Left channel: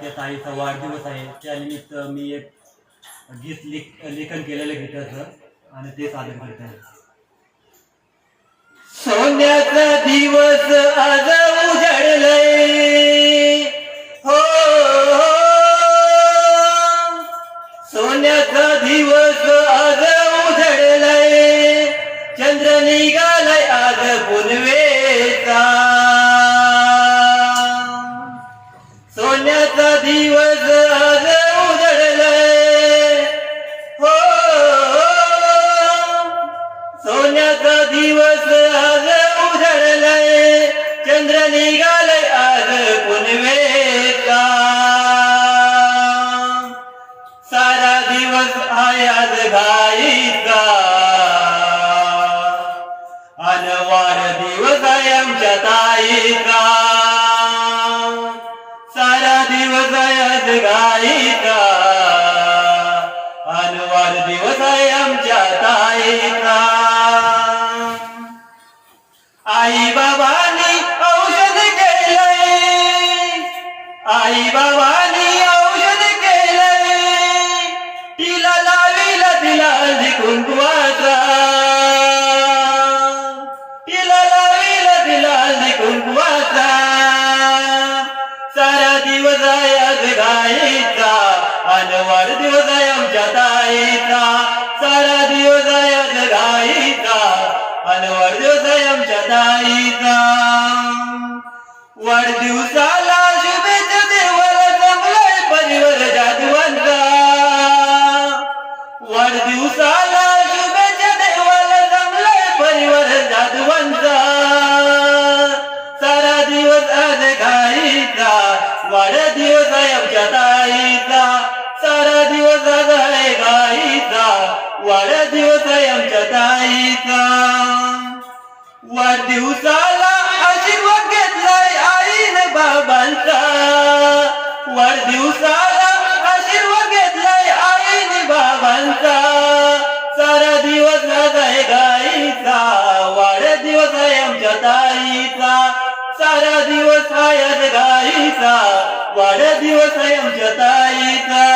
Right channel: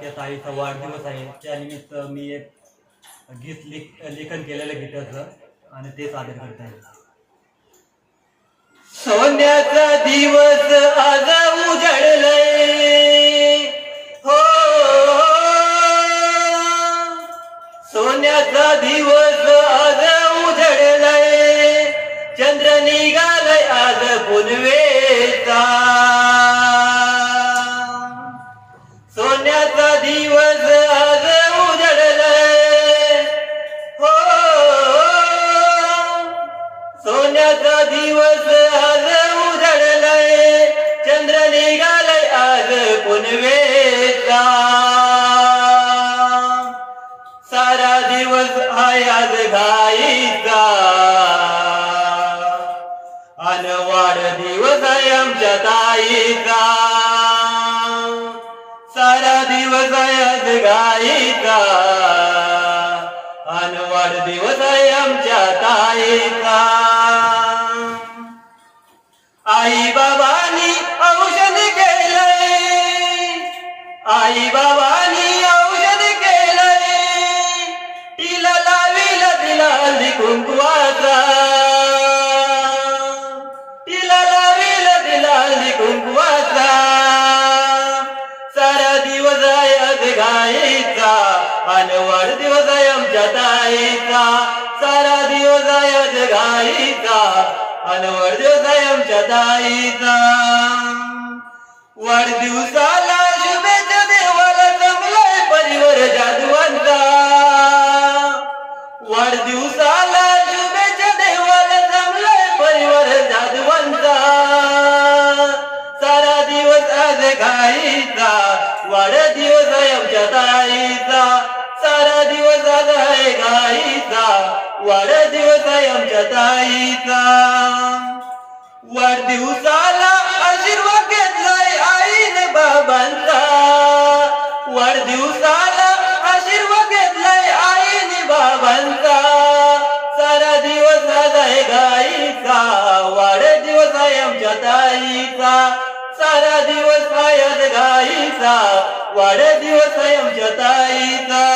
त्या ताईचा वाढदिवस आहे, त्यानिमित्त मी एक गीत लेखन केलेलं गीताचं आणि ते सादर करत आहे. सोन्याचा दिवस आज उजळलंय, हो सोन्याचा दिवस आज उजळलंय, चंद्र निघालाय आज पुनवेचा. सोन्याचा दिवस आज उजळलंय, हो सोन्याचा दिवस आज उजळलंय, चंद्र निघालाय आज पुनवेचा. सारा दिवस आहे आज घाईचा, अन वाढदिवस आहे आमच्या ताईचा. सारा दिवस आहे आज घाईचा, अन वाढदिवस आहे आमच्या ताईचा. आई बाबांनी औषध केलंय, आई बाबांनी औषध केलंय, तिला लाविला तिला हळदी कुंकवाचा, तिला लाविला तिला हळदी कुंकवाचा. सारा दिवस आहे आज घाईचा, अन वाढदिवस आहे आमच्या ताईचा. सारा दिवस आहे आज घाईचा, अन वाढदिवस आहे आमच्या ताईचा. वाढदिवसाला शुभेच्छा देवाला जमलाय परिवार जादवांचा. वाढदिवसाला शुभेच्छा देवाला जमलाय परिवार जादवांचा. सारा दिवस आज घाईचा, वाढदिवस आहे आमच्या ताईचा. सारा दिवस आज आहे घाईचा, वाढदिवस आहे आमच्या ताईचा. वाढदिवसाला आशीर्वाद घेतलाय आईने बाबांचा. वाढदिवसाला आशीर्वाद घेतलाय आईने बाबांचा. सारा दिवस आज आहे घाईचा, वाढदिवस आहे आमच्या ताईचा. सारा दिवस आहे आज घाईचा, वाढदिवस आहे आमच्या ताईचा.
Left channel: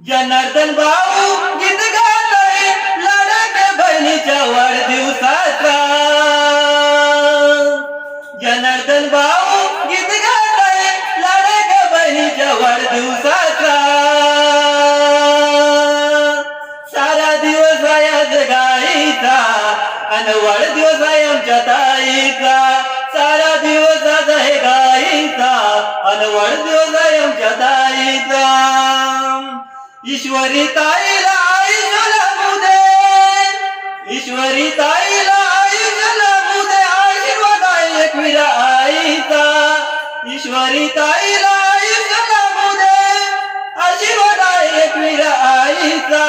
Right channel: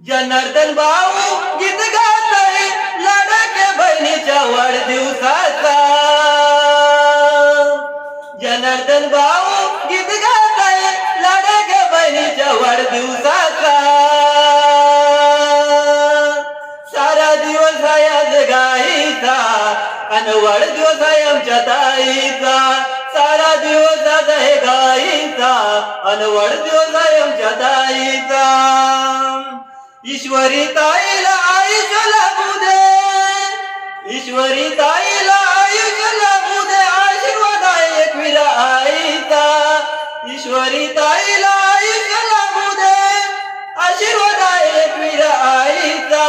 जनार्दन भाऊ गीत गाताय लाडक्या बहिणीच्या वाढदिवसाचा. जनार्दन भाऊ गीत गाताय लाडक्या बहिणीच्या वाढदिवसाचा. सारा दिवस आहे आज घाईचा, अन वाढदिवस आहे आमच्या ताईचा. सारा दिवस आज आहे घाईचा, अन वाढदिवस आहे आमच्या ताईचा. ईश्वरी ताईला आयुष्य लाभू दे, ईश्वरी ताईला आयुष्य लाभू दे, आशीर्वाद आहे एकविरा आईचा. ईश्वरी ताईला आयुष्य लाभू दे, आशीर्वाद आहे एकविरा आईचा.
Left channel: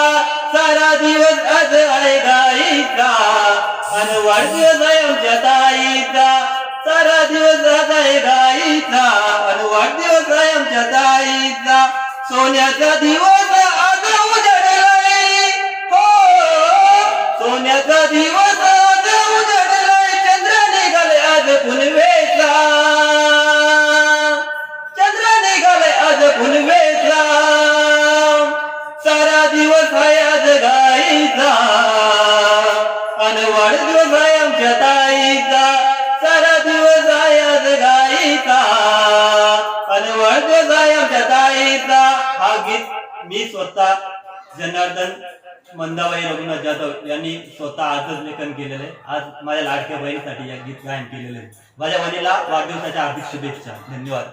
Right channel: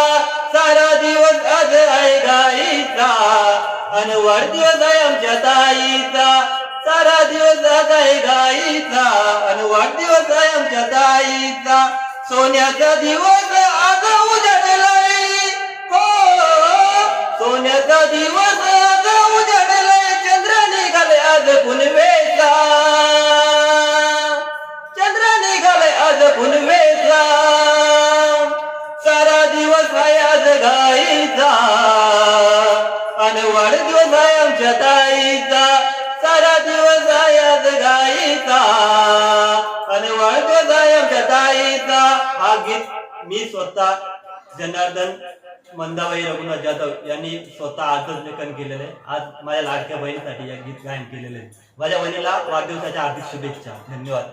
सारा दिवस आज आहे घाईचा, अन वाढदिवस आहे आमच्या ताईचा. सारा दिवस आज आहे घाईचा, अन वाढदिवस आहे आमच्या ताईचा. सोन्याचा दिवस आज उजळलाय, हो सोन्याचा दिवस आज उजळलाय, चंद्र निघाले आज पुनवेचा. चंद्र निघाले आज पुनवेचा. सारा दिवस आहे आज घाईचा, अन वाढदिवस आहे आमच्या ताईचा. सारा दिवस आहे आज घाईचा, अन वाढदिवस आहे आमच्या ताईचा. हा गीत मी स्वतः जनार्दन मंदाबाई रघुनाथ जाधव यांनी स्वतः आजच लेखन केलेलं आहे. आज माझ्या लाडक्या बहिणीसाठी या गीत गायन केलेलं आहे. माझ्या बहिणीला वाढदिवसाच्या हार्दिक शुभेच्छा. धन्यवाद.